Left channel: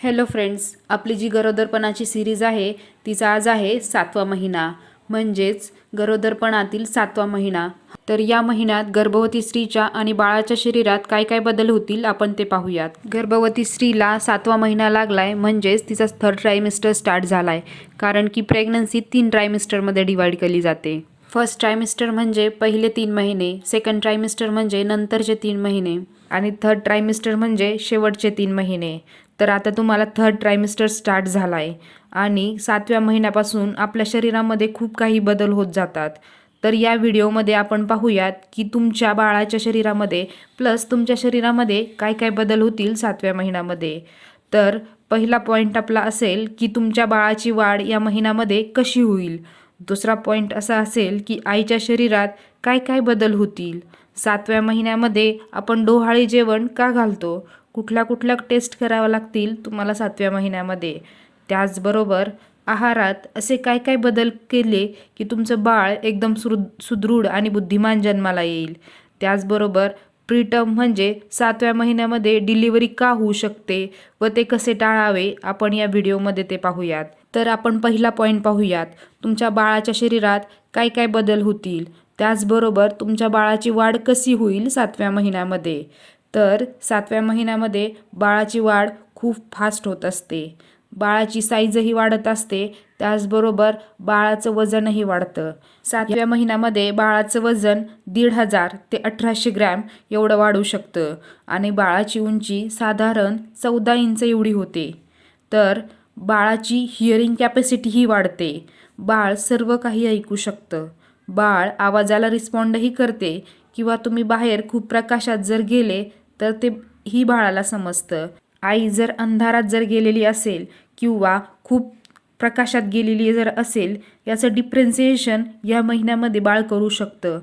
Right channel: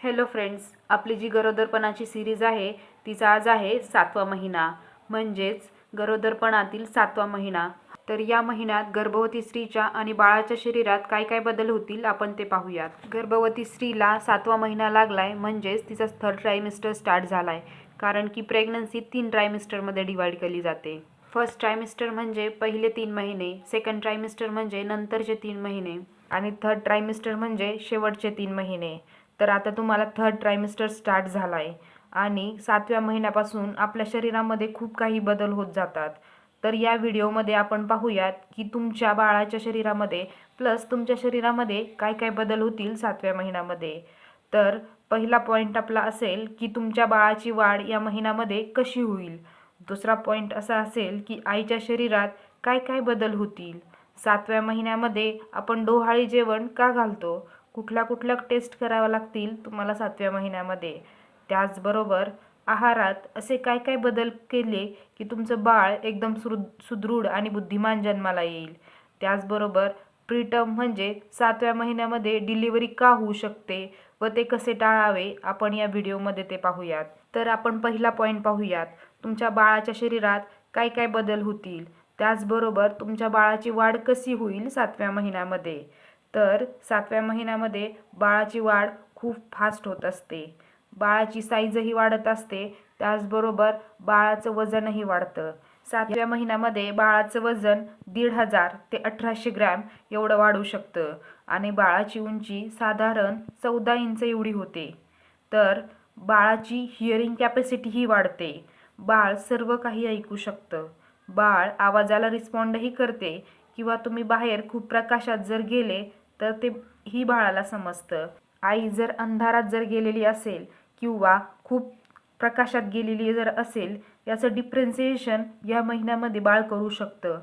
Hello friends, आपली जी गरोदरपणाची series आहे तिचा आज आहे 7वा महिना, म्हणजेच गरोदरपणातील 7वा महिना. तर या महिन्यात गर्भवती स्त्रीच्या आणि बाळाच्या शरीरात काय काय बदल होतील आपण ते पाहूयात. गर्भवती स्त्रीला 7वा महिना लागलाय म्हणजेच तिचा थर्ड ट्रायमिस्टर स्टार्ट झालाय, कारण की प्रेग्नन्सी 3 ट्रायमिस्टरमध्ये डिवाइड केली जाते. फर्स्ट ट्रायमिस्टर म्हणजे पहिले 3 महिने, सेकंड ट्रायमिस्टर म्हणजे नंतरचे 3 महिने आणि थर्ड ट्रायमिस्टर म्हणजे शेवटचे 3 महिने. तर आता तुम्हाला थर्ड ट्रायमिस्टर स्टार्ट झाला आहे आणि 7व्या महिन्यापासून आपल्या शरीरामध्ये खूप काही बदल होत जातात. तर या व्हिडिओमध्ये आपण पाहूयात की तुमच्या बाळाच्या शरीरामध्ये प्लस तुमच्या शरीरामध्ये काय काय बदल होतील 7व्या महिन्यामध्ये. तर पहिला पॉईंट आपला असेल की तुमच्या बाळाची वाढ या महिन्यामध्ये कशी होईल. दुसरा पॉईंट असा असेल की आईच्या शरीरात काय काय बदल होतील. 7व्या महिन्यामध्ये आपण डोहाळे जेवण का घालतो, कुठल्या कुठल्या टेस्ट कराव्या लागतील तुम्हाला 7व्या महिन्यामध्ये. त्याचबरोबर आहारात असे काय काय बदल केले की तुमचं बाळ एकदम सुदृढ आणि बुद्धिमान जन्माला येईल. त्याचबरोबर प्रीटर्म म्हणजे 7व्या महिन्यामध्ये डिलिव्हरी का होऊ शकते व ते कसे टाळावे आपण या व्हिडिओमध्ये ते पाहूयात. तर आपण पहिला पॉईंट पाहूयात, तुमच्या बाळाच्या शरीरात काय काय बदल होतील. त्याचबरोबर तुमच्या बाळाची वाढ कशी होईल 7व्या महिन्यामध्ये. तर 7व्या महिन्यामध्ये बाळाची वाढ खूप फास्ट होत असते, बाळाची साईजही वाढत असते, त्याचबरोबर बाळाचं वजनही वाढतं. 7व्या महिन्यामध्ये बाळाचं वजन 1500 ते 1800 ग्रॅम एवढं वाढू शकतं आणि बाळाची उंची साधारण 14 इंच एवढी होते. तर बाळाची हिअरिंग कॅपॅसिटीही वाढते, बाळ सर्व काही ऐकू शकतं, बाळ आवाजाला रिस्पॉन्डही करते किंवा तुम्ही बाहेर खूप प्रकाशात जर गेले तर ते ही बाळाला समजतं. आई जर अंधारात जर गेलेली असेल किंवा खूप प्रकाशात गेलेली जर असेल याचं डिफरन्सिएशन या महिन्यामध्ये बाळ करू शकतं.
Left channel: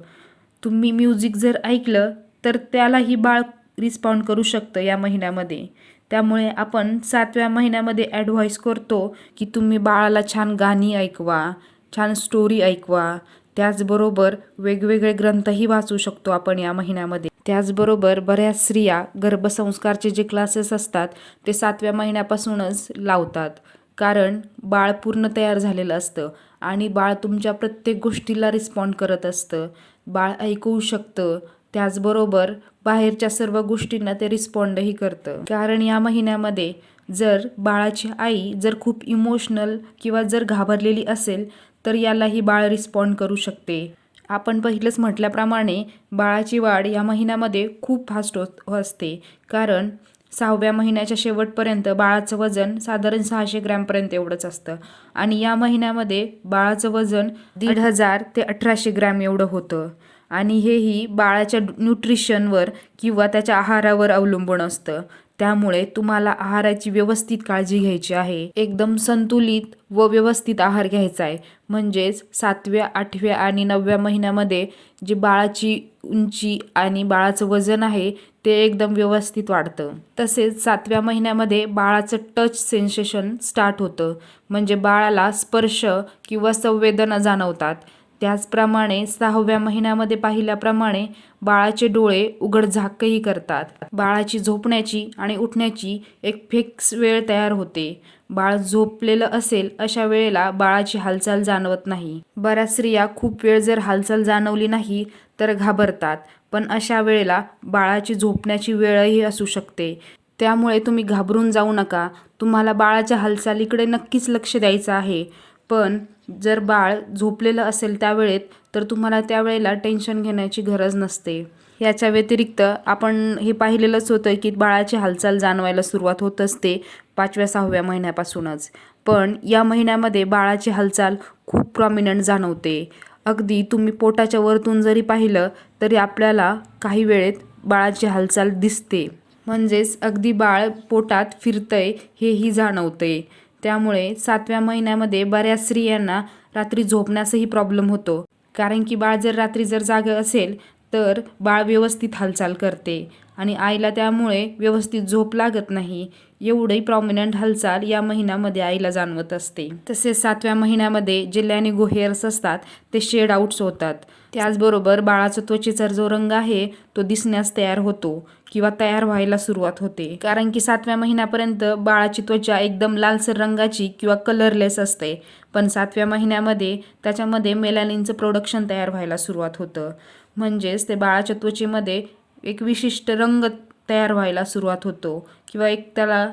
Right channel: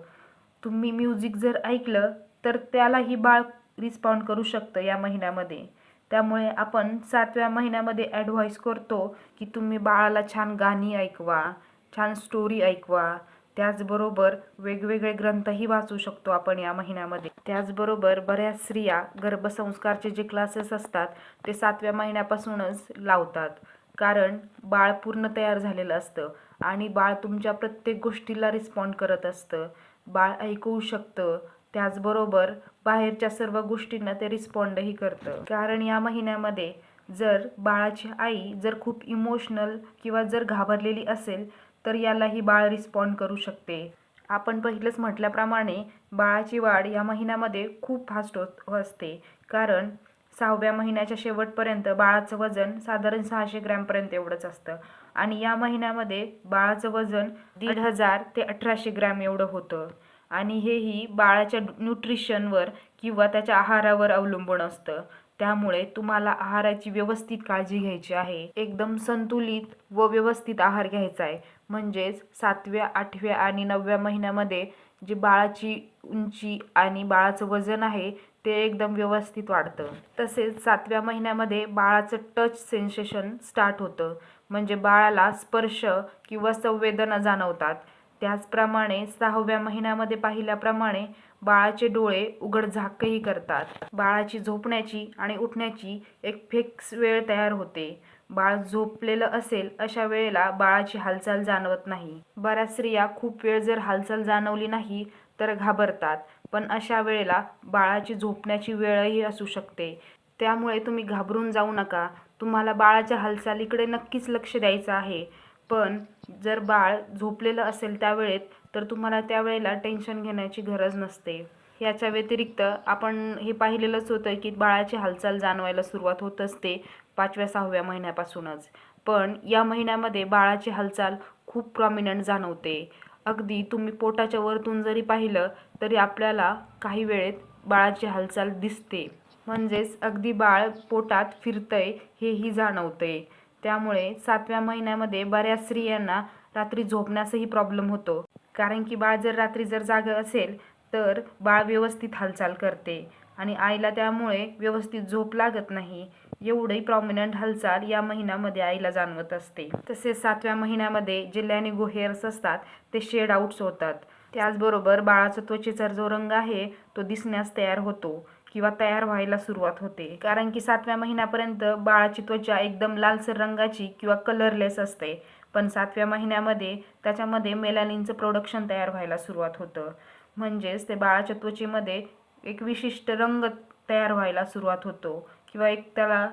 तुम्ही म्युझिक जर ऐकलं तर त्यालाही बाळ रिस्पॉन्ड करू शकतं या महिन्यामध्ये. त्यामुळे आपण 7व्या महिन्यामध्ये ॲडव्हाइस करतो की तुम्ही बाळाला छान गाणी ऐकवा, छान स्टोरी ऐकवा. त्याचबरोबर वेगवेगळे ग्रंथही वाचू शकतो आपण या महिन्यामध्ये. त्याचबरोबर बऱ्याच स्त्रिया गर्भसंस्कारचे जे क्लासेस असतात ते 7व्या महिन्यापासूनच लावतात, कारण बाळ पूर्ण तयार झालेलं असतं आणि बाळ तुमच्या प्रत्येक गोष्टीला रिस्पॉन्ड करत असतं, बाळ ऐकू शकतं. त्याचबरोबर बाहेरच्या सर्व गोष्टींना ते रिस्पॉन्डही करतं. कारण या महिन्यामध्ये जर बाळाची आई जर खूप इमोशनल किंवा जर घाबरलेली असेल तर यालाही बाळ रिस्पॉन्ड करू शकते. आपण पहिलंच म्हटल्याप्रमाणे बाळाची वाढ या महिन्यामध्ये खूप फास्ट होत असते, कारण 6व्या महिन्याच्या शेवटपर्यंत बाळाचं वजन साधारण 600 ग्रॅमपर्यंत एवढंच असतं आणि या महिन्यामध्ये बाळाचं वजन 1500 ते 1800 ग्रॅम एवढं होतं आणि हेही बाळाच्या न्यूट्रिशनवर किंवा त्याच्या आहारावर अवलंबून असतं. त्यामुळे तुम्हाला आहाराची व्यवस्थित काळजी घ्यायची आहे, एकदम संतुलित व व्यवस्थित आहार घ्यायचा आहे. म्हणजेच 7व्या, 8व्या आणि 9व्या महिन्यामध्ये जी बाळाची उंची आणि बाळाचं वजन आहे ते एकदम व्यवस्थित वाढतं. तसेच 7व्या महिन्यामध्ये बाळाचं टच सेन्सेशन स्टार्ट होतं, म्हणजे बाळाला स्पर्श किंवा संवेदना जाणवतात. त्याचप्रमाणे 6व्या महिन्यामध्ये पाहिल्याप्रमाणे बाळाचे डोळे उघडझाकही करतात. बाळाची झोपण्याची आणि उठण्याची एक फिक्स वेळ तयार होते. बाळ झोपलेलं असेल अशा वेळेला बाळाची हालचाल जाणवत नाही. बऱ्याच स्त्रिया खूप वेळ जर हालचाल जाणवली नाही तर घाबरतात, पण अशा वेळेला बाळाची झोपण्याची वेळही असू शकते. त्यामुळे तुम्ही घाबरून जाऊ नका, तुम्हाला बाळाच्या हालचालीकडे नक्कीच लक्ष द्यायचं आहे. पण जर बाळ झोपलेलं असेल त्यावेळेत तर तुम्हाला त्यावेळेला टेन्शन घेण्याची गरज नसते. याच्या व्यतिरिक्त आपण हे पाहिलेलंच होतं की बाळाची हालचाल जाणवायला सुरुवात होत असते 5व्या 6व्या महिन्यापासूनच, पण या महिन्यामध्ये बाळाची हालचाल खूप प्रॉमिनंट जाणवते. अगदी तुम्ही पोटाच्या वरतून जरी पाहिलं तरी आपल्याला काही वेळेत बाळाची हालचाल दिसते, म्हणजेच अगदी बाळ पोटात फिरतंय हेही जाणवते. त्यामुळे 7व्या महिन्यामध्ये बऱ्याच स्त्रियांना रात्री झोपण्यासही प्रॉब्लेम होतो, कारण की बाळ जर रात्री जर जागं असेल तर बाळ व्यवस्थित हालचाल करते आणि आईला त्यामुळे व्यवस्थित झोप लागत नाही. एवढी प्रॉमिनंट हालचाल या महिन्यामध्ये आईला जाणवत असते. तसेच 7व्या महिन्यामध्ये जे लॅनिगो हेअर्स असतात ते शेड आउट्स होतात. त्याचबरोबर बाळाचा त्वचेचा जो रंग आहे तो दिसण्यास तयार होतो किंवा तयार व्हायला सुरुवात होते. कारण की 7व्या महिन्यापर्यंत बाळाची त्वचा एकदम लालसर रंगाची किंवा कलरलेस असते, पण 7व्या महिन्यामध्ये त्याच्यामध्ये मेलानिनचं प्रोडक्शन तयार व्हायला सुरुवात होतं. म्हणजेच ते बाळाच्या त्वचेमध्ये एक विशिष्ट रंग तयार व्हायला सुरुवात होतो किंवा एक त्याला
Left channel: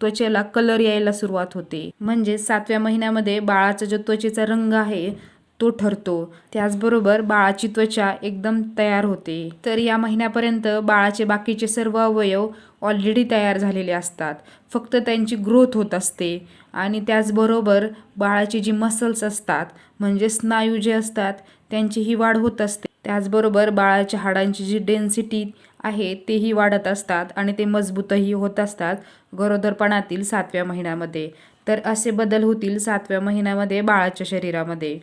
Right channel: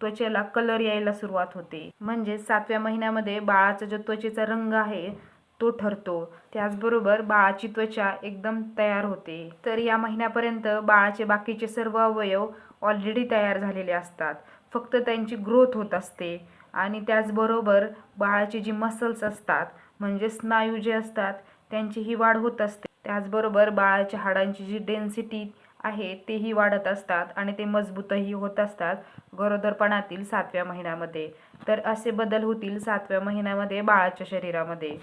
त्वचेला कलर यायला सुरुवात होते. म्हणजे 7व्या महिन्यामध्ये बाळाचा जो त्वचेचा रंग आहे तो ठरतो. त्याचबरोबर बाळाची त्वचा एकदम तयार होते. तर या महिन्यापर्यंत बाळाचे बाकीचे सर्व अवयव ऑलरेडी तयार झालेले असतात, फक्त त्यांची ग्रोथ होत असते. आणि त्याचबरोबर बाळाची जी मसल्स असतात म्हणजे स्नायू जे असतात त्यांचीही वाढ होत असते. त्याचबरोबर बाळाच्या हाडांची जी डेन्सिटी आहे तेही वाढत असतात आणि ते मजबूतही होत असतात गरोदरपणातील 7व्या महिन्यामध्ये. तर असे बदल होतील 7व्या महिन्यामध्ये बाळाच्या शरीरामध्ये.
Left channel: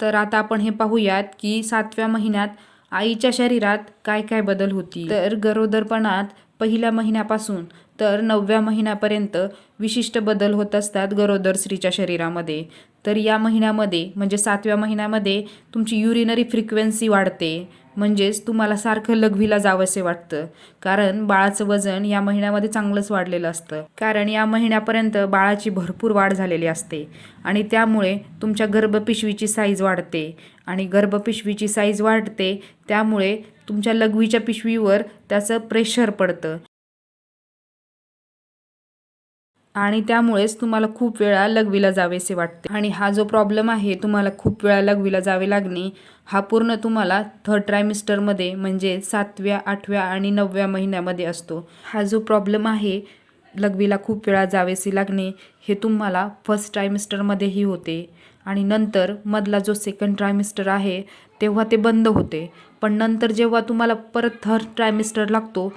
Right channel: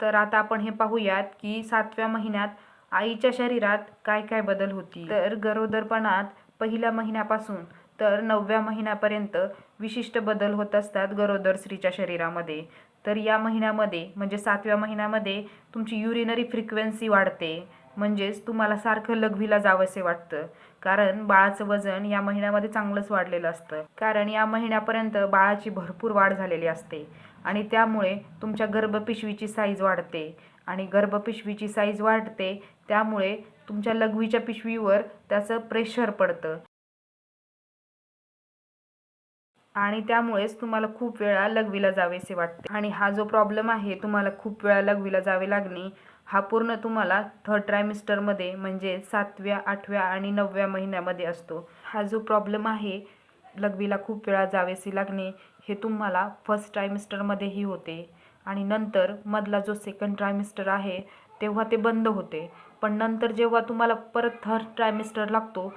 तर आता आपण हे पाहूयात की 7व्या महिन्यात आईच्या शरीरात काय काय बदल होतील. तर गरोदरपणात पहिल्या महिन्यापासून तर 9व्या महिन्यापर्यंत विशिष्ट बदल होत असतात गरोदर स्त्रीच्या शरीरामध्ये. तर या महिन्यामध्ये म्हणजे 7व्या महिन्यामध्ये तुमची युरिनरी फ्रिक्वेन्सी वाढते. म्हणजेच तुम्हाला सारखं लघवीला जावंसे वाटतं, कारण बाळाचं वजन या महिन्यामध्ये चांगलंच वाढलेलं असतं. कारण या महिन्यापर्यंत बाळाची भरपूर वाढ झालेली असते आणि त्यामुळे तुमच्या गर्भपिशवीची साईज वाढते आणि गर्भपिशवीची साईज वाढते त्यामुळे तुमच्या लघवीच्या पिशवीवर त्याचं प्रेशर पडतं आणि त्यामुळेच तुम्हाला खूप वेळा लघवीला जावेसे वाटते. आणि हा जो प्रॉब्लेम आहे तुम्हाला खूप वेळा लघवीला जावे लागणे, हा पूर्ण तुम्हाला 3rd ट्रायमिस्टरमध्ये म्हणजे 7व्या, 8व्या आणि 9व्या महिन्यामध्ये असतो. हा जो प्रॉब्लेम आहे लघवीला खूप वेळा जावेसे लागणे हे तुम्हाला 1st ट्रायमिस्टरमध्येही होते आणि नंतर मधला जो 2nd ट्रायमिस्टर आहे तेव्हा ते बंद होते. पण नंतर जेव्हा तुम्हाला परत 3rd ट्रायमिस्टर लागतो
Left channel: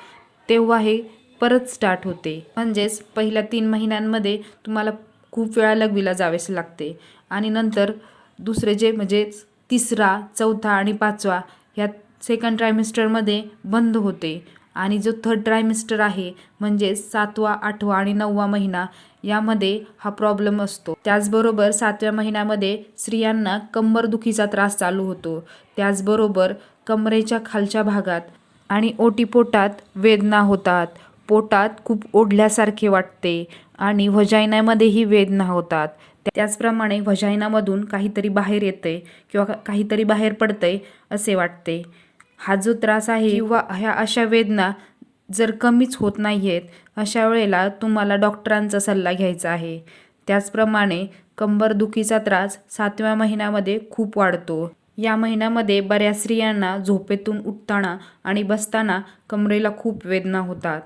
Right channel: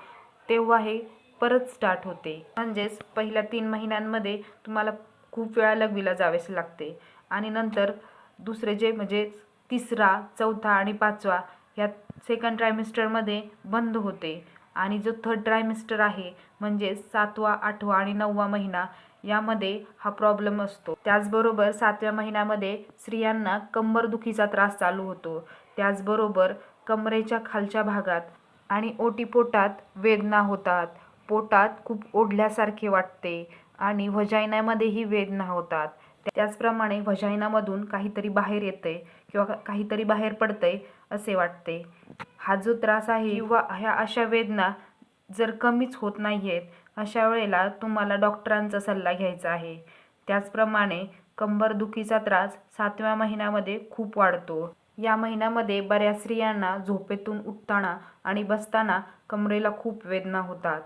तेव्हा हे परत स्टार्ट होते. म्हणजेच पहिल्या 3 महिन्यांमध्ये तुम्हाला खूप वेळा लघवीला जावेसे लागते आणि नंतर दुसरे जे म्हणजे 3रा, 4था आणि 5वा ह्या 2nd ट्रायमिस्टरमध्ये बंद होते आणि जो 3rd ट्रायमिस्टर आहे म्हणजे 7वा, 8वा आणि 9वा महिना यामध्ये हा प्रॉब्लेम असतो. त्याचबरोबर 7व्या महिन्यामध्ये स्त्रियांना कंबरदुखीचा त्रास चालू होतो. त्याचबरोबर कमरेच्या खालच्या भागात आणि ओटीपोटात वेदना होतात. पोटात खूप ओढल्यासारखे वाटते आणि व्हजायनामध्येही वेदना होतात. त्याचप्रमाणे व्हजायनामधून काहीतरी बाहेर येते किंवा काहीतरी बाहेर पडतंय असे वाटते. हा जो त्रास आहे किंवा ह्या अशा वेदना जर कमीच होत नाही आहेत, अशा वेळेला तुम्हाला डॉक्टरांचा सल्ला घ्यायचा आहे. त्याचप्रमाणे कंबरदुखीचा त्रास 7व्या महिन्यामध्ये खूप वाढतो. या महिन्यामध्ये बऱ्याच स्त्रियांना झोपेतून उठताना आणि बसताना कमरेला खूप वेदना होतात,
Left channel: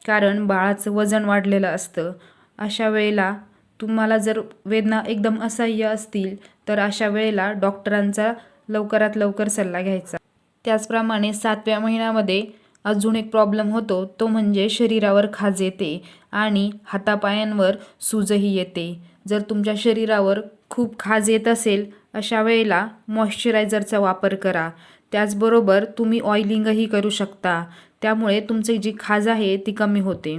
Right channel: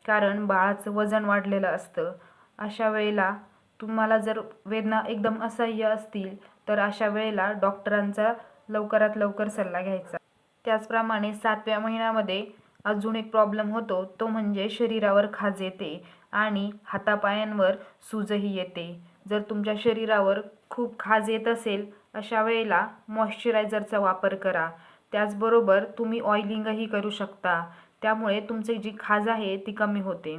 कारण बाळाचं वजन वाढलेलं असतं. अशा वेळेला तुम्हाला जर वेदना एकदम असह्य असतील तर अशा वेळेला डॉक्टरांचा लवकरात लवकर सल्ला घ्यायचा. त्याचप्रमाणे 7व्या महिन्यामध्ये अजून एक प्रॉब्लेम होतो, तो म्हणजे शरीरावर खाज येते आणि हातापायांवर सूजही येते. जर तुमच्या शरीरावर खूप खाज येत असेल अशा वेळेला मॉइश्चरायझरचा वापर करा. त्याचबरोबर तुम्ही ऑइलिंगही करू शकता, त्यामुळे तुमची जी खाज आहे ती कमी होते.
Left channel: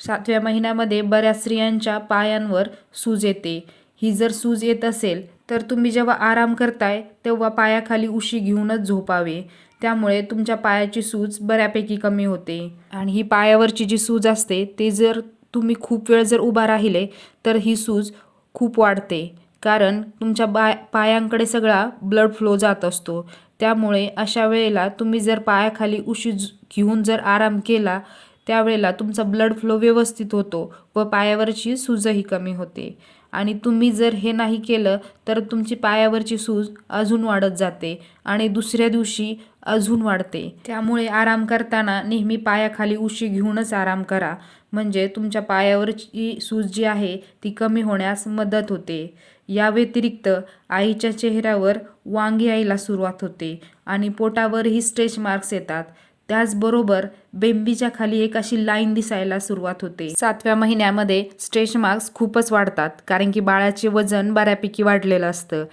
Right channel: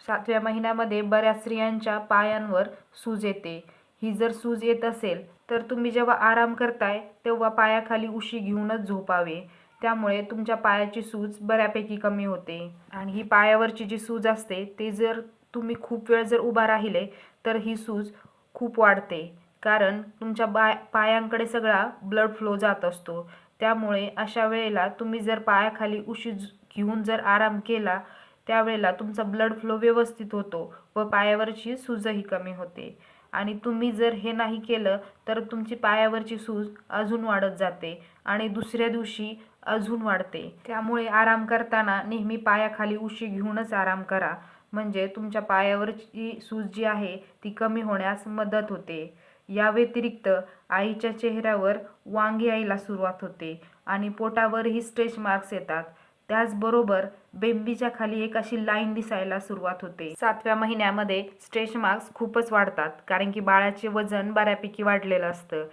7व्या महिन्यामध्ये बऱ्याच स्त्रियांच्या पायांवर सूज येते. ही जर सूज येत असेल तर तुम्ही जेव्हा आराम करताय तेव्हा पायाखाली उशी घेऊनच झोपावे, त्यामुळे तुमच्या पायाची सूज बऱ्यापैकी कमी होते. आणि ही पायावरची जी सूज असते ते जर तुम्ही खूप वेळ जर उभा राहिले तर ही सूज खूप वाढते, कारण तुमच्या पायांकडे सगळा ब्लड फ्लो जात असतो. त्यामुळे अशा वेळेला तुम्ही जर पायाखाली उशी घेऊन जर आराम केला त्यावेळेला तुमचा ब्लड फ्लो व्यवस्थित होतो व पायावरची सूजही कमी होते. आणि तुम्ही जर हे नाही केलं तर तुमची पायावरची सूज अजून वाढत जाते आणि दुसऱ्या दिवशी अजून वाढते. त्यामुळे आराम करताना नेहमी पायाखाली उशी घेऊनच आराम करा, म्हणजे तुमच्या पायावरची सूज जी आहे ती कमी होण्यास मदत होते. या व्यतिरिक्त आईच्या चेहऱ्यावर वांग यायला सुरुवात होते आणि पोटावरही स्ट्रेच मार्क्स येतात. त्याचबरोबर बेंबीच्या खाली एक अशी लाईन दिसायला सुरुवात होते. 7व्या महिन्यामध्ये स्ट्रेच मार्क्स खूपच वाढतात, कारण की बाळाचे वजन बऱ्यापैकी वाढलेलं असतं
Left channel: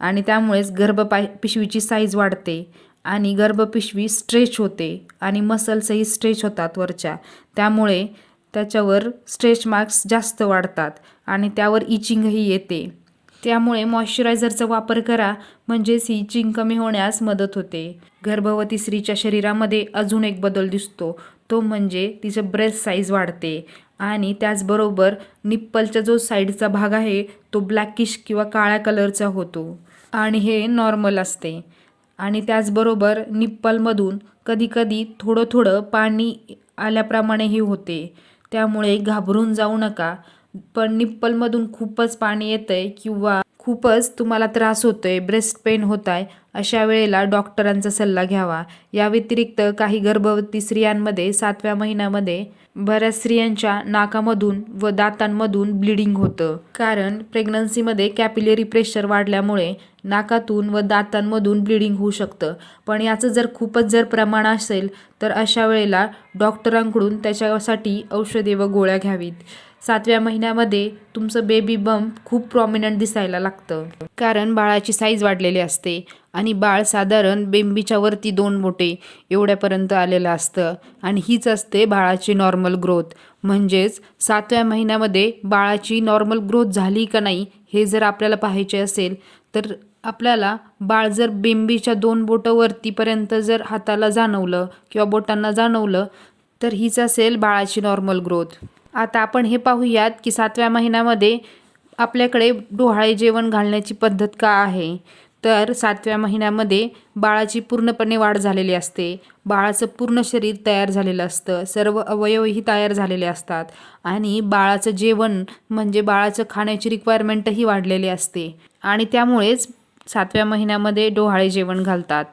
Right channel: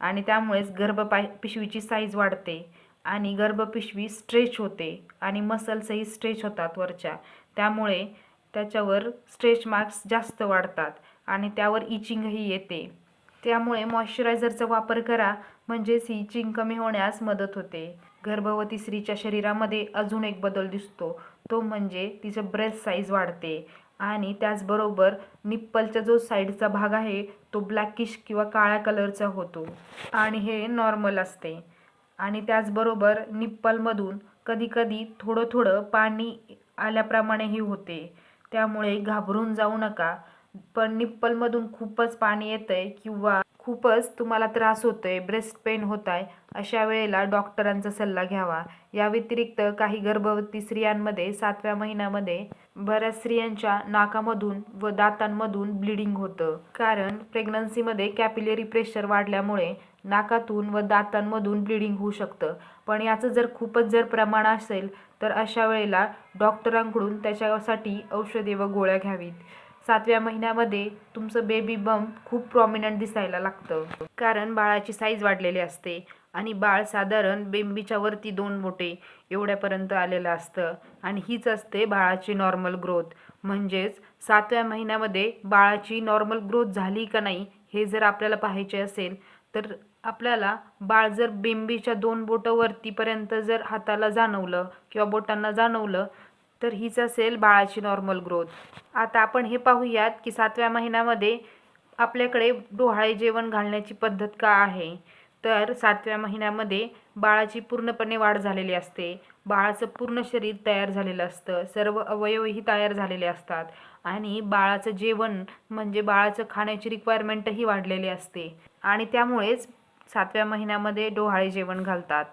आणि त्यामुळेच पिशवीची साईज वाढते आणि गर्भपिशवी स्ट्रेच होते आणि मसल्सही स्ट्रेच होतात वरच्या, त्यामुळे त्याच्यावर स्ट्रेच मार्क्स जास्त वाढतात आणि त्यावर इचिंगही येते. त्यामुळे मॉइश्चरायझरचा वापर करा, म्हणजेच इचिंग कमी होण्यास मदत होते. गर्भवती स्त्रीच्या शरीरामध्ये अजून एक बदल दिसतो, तो म्हणजे तिचं ब्रेस्ट साईज वाढते आणि त्याचबरोबर निप्पलचा जो साईडचा भाग आहे तो ब्लॅकिश किंवा काळ्या कलरचा होतो आणि हे नॉर्मल असते. आणि त्याचबरोबर निप्पलमधून कधीकधी थोडं थोडं पाणी आल्याप्रमाणेही होते, त्यामुळे घाबरून जाऊ नका. पण निप्पलमधून खूपच पाणी येतंय किंवा खूपच तुम्हाला त्रास होतोय, ब्रेस्ट पेन होत आहे, अशा वेळेला डॉक्टरांचा सल्ला घ्यावा. या व्यतिरिक्त काही गर्भवती स्त्रियांमध्ये 7व्या महिन्यामध्ये बऱ्याच स्त्रियांच्या नाकामधून व दातांमधून ब्लिडिंग होतं, कारण प्रेग्नन्सीमध्ये कॅपिलरी प्रेशर वाढल्यामुळे नाकातून व दातांमधून ब्लिडिंग होऊ शकतं. पण याचं जर खूपच जर प्रमाण असेल तर अशा वेळेला डॉक्टरांकडून त्याच्यासाठी औषधे व गोळ्या घ्यावीत. 7व्या महिन्यामध्ये तुमचं बेबी बंप खूप प्रॉमिनंट दिसायला लागतं, कारण बाळाची साईज वाढलेली असते आणि बाळ साधारण बेंबीच्या वरती 2 बोटे एवढ्यापर्यंत आलेलं असतं आणि हीच असते बाळाची नॉर्मल ग्रोथ. म्हणजेच 7व्या महिन्यामध्ये बाळाची नॉर्मल ग्रोथ झाली का नाही हे जर आपल्याला पाहायचे असेल तर आपल्याला बाळ जर बेंबीच्या 2 बोटं वरतीपर्यंत जर हाताला जाणवलं किंवा बोटांना जाणवलं तर हीच असेल बाळाची नॉर्मल ग्रोथ. आता आपण हे पाहूयात की 7व्या महिन्यामध्ये आपल्याकडे डोहाळे जेवण घालण्याची पद्धत का आहे. तर 7व्या महिन्यामध्ये बाळाची पूर्णपणे वाढ झालेली असते, बाळाचं पूर्ण शरीर तयार झालेलं असतं, सर्व अवयवही तयार झालेले असतात आणि बाळाचं जेवण म्हणजे बाळाचं खाण्याची रिक्वायरमेंटही वाढलेली असते आणि त्यामुळेच 7व्या महिन्यामध्ये डोहाळे जेवण घालतात.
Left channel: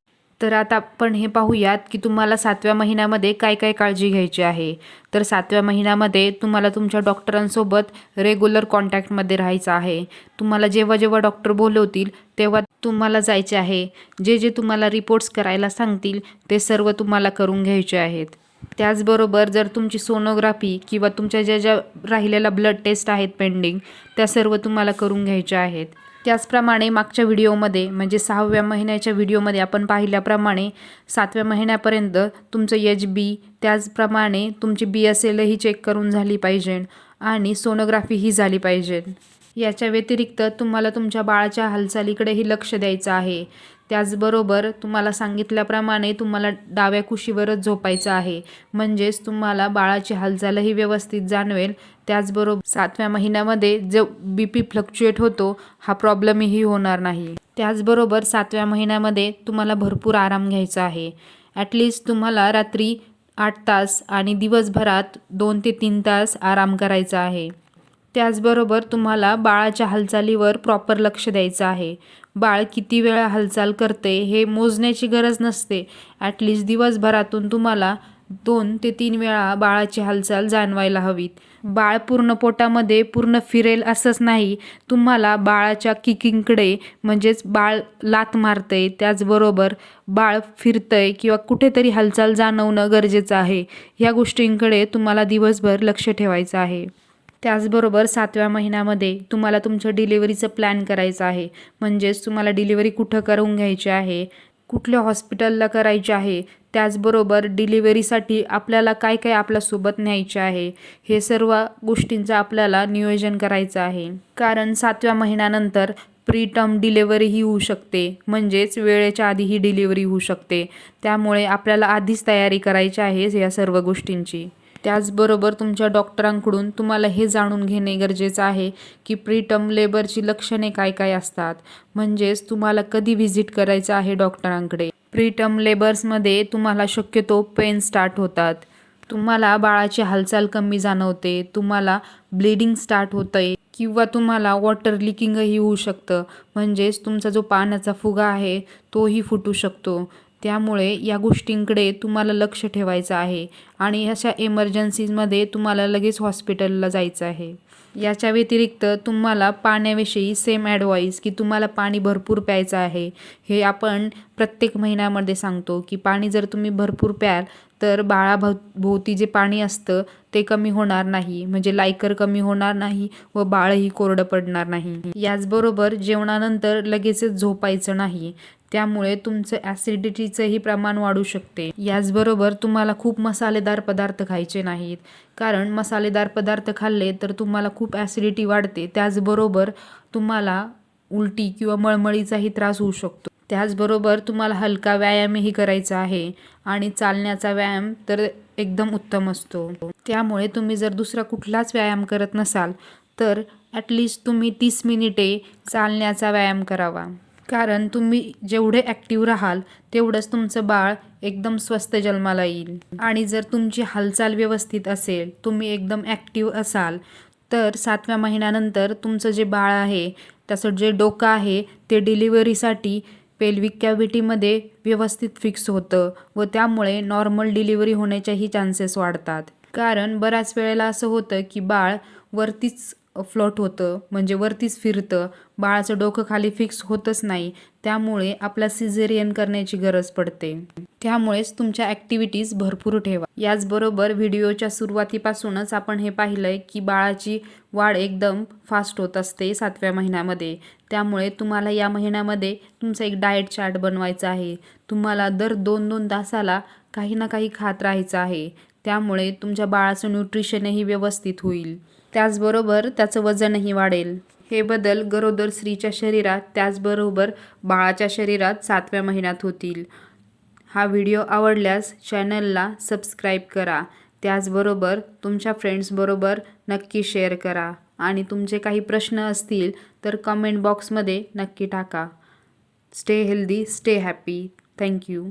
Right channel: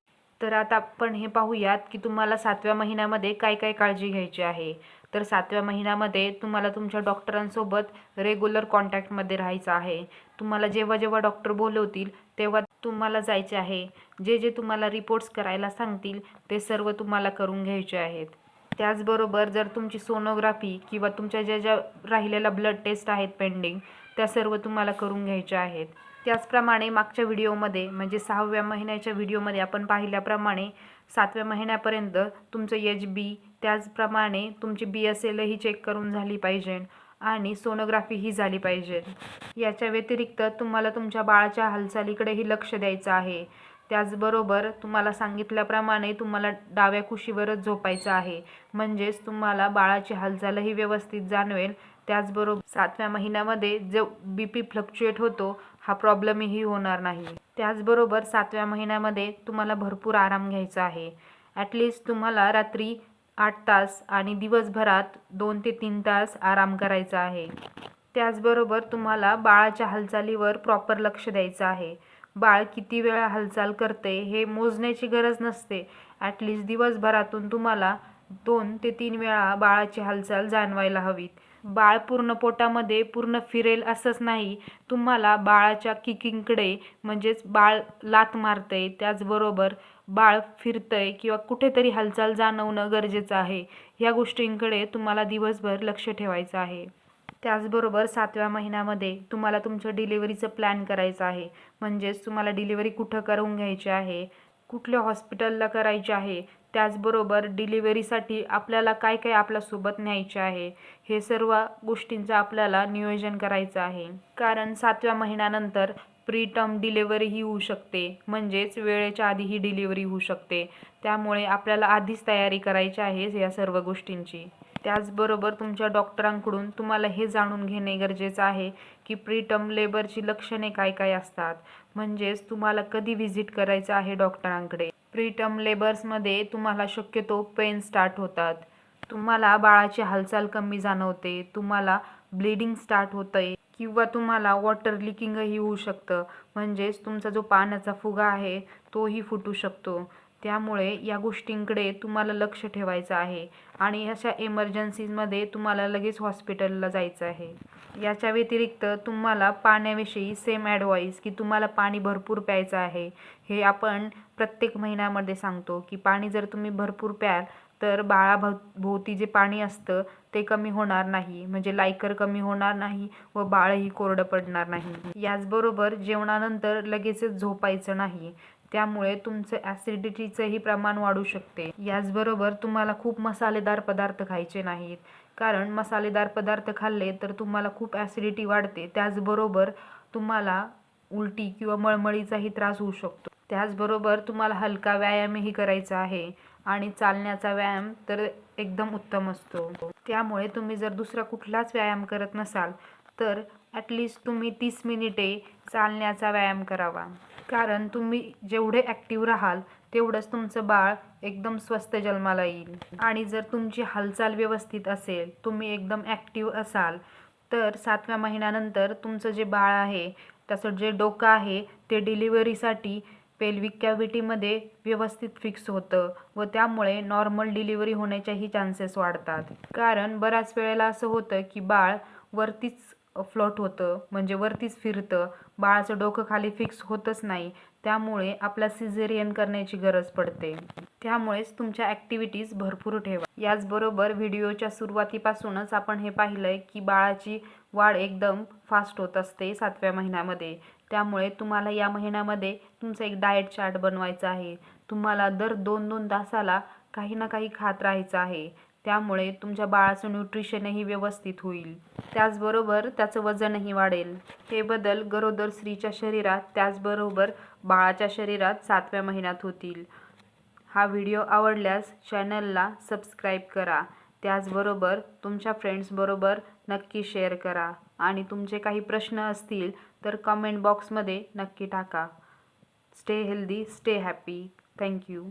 तर आता आपण हे पाहूयात की तुम्हाला 7व्या महिन्यामध्ये काय काय काळजी घ्यायची आहे. तर 7व्या महिन्यामध्ये तुम्हाला तुमच्या डॉक्टरांसोबत रेग्युलर कॉन्टॅक्टमध्ये राहायचं आहे. तुम्हाला जेव्हा जेव्हा डॉक्टर बोलवतील तेव्हा तुम्हाला जायचे आहे. जे जे तुम्हाला रिपोर्ट्स करायला सांगतील ते सर्व तुम्हाला करून घ्यायचे आहेत. त्याचबरोबर जर तुमची सोनोग्राफी किंवा तुमच्या ज्या ज्या राहिलेल्या ब्लड टेस्ट आहेत पेंडिंग त्या सर्व तुम्हाला करून घ्यायच्या आहेत. त्याचप्रमाणे मागच्या व्हिडिओमध्ये म्हणजे 6व्या महिन्याच्या व्हिडिओमध्ये आपण पाहिल्याप्रमाणे 7व्या महिन्यापर्यंत तुमचं HB त्याचप्रमाणे तुमची BSL ही चेक करून झाली पाहिजे आणि सोनोग्राफी ही झाली पाहिजे. याच्या व्यतिरिक्त तुम्हाला तुमच्या बाळाच्या हालचालीकडेही लक्ष द्यायचं आहे. त्याचबरोबर तुम्हाला सांगितल्याप्रमाणे तुम्हाला डाव्या कुशीवरच झोपायचं आहे, म्हणजेच तुम्हाला बाळाची हालचालही व्यवस्थित जाणवेल. त्याचबरोबर 7व्या महिन्यामध्ये जो BP फ्लक्च्युएट होतो हा प्रॉब्लेमही होणार नाही. त्याचबरोबर 7व्या महिन्यामध्ये तुम्हाला भरपूर आराम घ्यायचा आहे. ॲटलिस्ट तुम्हाला रात्री 8 तास आणि दिवसभरात 2 ते 3 तास आराम करायचा आहे. त्याचबरोबर तुम्हाला बाळाच्या हालचालीवर प्रॉपर लक्ष द्यायचं आहे. बाळ किती वेळा हालचाल करते हे मोजण्याची गरज नसते. ॲटलिस्ट दिवसभरातून तुम्हाला 2 ते 3 वेळा बाळाची हालचाल जाणवायला हवीत. बाळ पूर्ण पोटामध्ये पूर्ण फिरेल असंच नाही, तुम्हाला बाळाच्या किकिंगकडे म्हणजेच बाळ लाथ मारतंय त्याचबरोबर बाळ फिरतंय किंवा कुठेतरी हालचाल जाणवणं गरजेचं आहे. ह्या गोष्टींकडे तुम्हाला दिवसभर लक्ष ठेवायचं आहे. त्याचबरोबर 7व्या महिन्यामध्ये तुम्हाला तुमचं डिलिव्हरीचं प्लॅन करायचं आहे, म्हणजेच तुम्हाला डिलिव्हरी कुठं करून घ्यायची आहे, कुठल्या हॉस्पिटलला करायची आहे, त्याचबरोबर डिलिव्हरीसाठी आपल्याला काय काय आपल्यासोबत न्यायचे आहे, हे सर्व गोष्टींचं आपल्याला नियोजन करायचं आहे. कारण 7व्या महिन्यानंतर प्रीटर्म डिलिव्हरी ही होऊ शकते, म्हणजेच वेळेच्या आधी ही डिलिव्हरी होऊ शकते. त्यामुळे आपल्याला आधीच तयारी करायची आहे या सर्व गोष्टींची. त्याचबरोबर तुमच्या डॉक्टरांकडून तुम्हाला हे जाणून घेणे गरजेचं आहे की प्रीटर्म लेबरची लक्षणे काय काय असतात, म्हणजेच तुम्हाला कधी व्हिजिट करायचं आहे डॉक्टरांकडे. प्रीटर्म लेबर्समध्ये तुम्हाला शक्यतो पेन स्टार्ट होतात, तुम्हाला बाळाची हालचाल कमी जाणवते, तुम्हाला ब्लिडिंग स्टार्ट होतंय किंवा तुम्हाला वॉटर लिकिंगही होऊ शकतं, म्हणजेच तुमचा जो पाण्याचा फुगा आहे तोही फुटू शकतो. त्यामुळे या गोष्टींकडे तुम्हाला लक्ष ठेवायचं आहे आणि अशा एमर्जन्सीजमध्ये तुम्हाला लगेच हॉस्पिटलला जायचं आहे. याच्या व्यतिरिक्त तुम्हाला पाण्याविषयी सेम ॲडवाईस की तुम्हाला पाणी भरपूर प्यायचं आहे. हे आपण प्रत्येक महिन्यामध्ये सांगतो की पाणी जर तुम्ही भरपूर प्याल तर भोवती जे पाणी असतं ते कमी होणार नाही, म्हणजे लायकर कमी होणार नाही व बाळही कोरडं पडणार नाही. याचबरोबर जेवणानंतर लगेचच झोपायचं नाही, त्यामुळे तुमचं ॲसिडिटीचंही प्रमाण वाढू शकते. याचबरोबर तुम्हाला खूप मसालेदार पदार्थ खायचे नाहीत, कारण मसालेदार पदार्थ खाल्ले तर तुम्हाला खूप ॲसिडिटी वाढते, त्याचबरोबर तुम्हाला उलटी किंवा मळमळीचाही त्रास होऊ शकतो. त्याचबरोबर तुम्हाला हलका व्यायामही करायचा आहे आणि चालण्याचा व्यायाम तर एकदम उत्तम असतो. त्यामुळे तुम्ही जर दुसरा कुठलाच व्यायाम करत नसाल तर ॲटलिस्ट तुम्ही 30 मिनिटे चालण्याचा व्यायाम करावा. कारण तुम्ही जेवढे ॲक्टिव्ह राहाल तेवढंच तुमचं बाळ एकदम स्वस्थ जन्माला येईल. आणि जर तुमची हालचाल व्यवस्थित असेल, तुम्ही एकदम ॲक्टिव्ह असाल, तर 7व्या महिन्यानंतर तुमचं जे बाळ आहे त्याचं जे डोकं आहे ते डिलिव्हरीसाठी पेल्विक कॅव्हिटीमध्ये व्यवस्थित फिक्स होतं व त्यामुळे नॉर्मल डिलिव्हरी होण्याच्याही चान्सेस वाढतात. कारण बऱ्याच वेळेला असं होतं की बाळ वरतीच फ्लोट होतं, म्हणजे वरतीच फिरतं, बाळाचं डोकं खाली फिक्स होतच नाही. त्यामुळे आपला सिझेरियन करण्याची गरज पडते. त्यामुळेच तुमच्या ॲक्टिव्हिटीज भरपूर ठेवा. याचबरोबर व्हिडिओच्या सुरुवातीपासूनच आपण हे पाहिलंय की बाळाची वाढ एकदम फास्ट होत असते 7व्या महिन्यामध्ये. त्यामुळे तुम्हाला या महिन्यामध्ये तुमचा एक डाएट चार्ट बनवायचा आहे. तुम्हाला दर 2-2 तासाला काही ना काही खात राहायचं आहे. त्यामुळे तुमच्या बाळाचं न्यूट्रिशनही व्यवस्थित होईल. त्याचबरोबर त्याचं वजनही वाढेल. हे बदल गरोदर स्त्रीच्या शरीरात त्याचबरोबर बाळाच्या शरीरात 7व्या महिन्यात होतील. हा व्हिडिओ आवडल्यास चॅनलला सबस्क्राईब करा. त्याचबरोबर तुमच्या फ्रेंड्सबरोबर नक्की शेअर करा आणि तुमचे काही प्रश्न असतील तर कमेंट बॉक्समध्ये नक्की टाका. Stay healthy, stay happy. Thank you.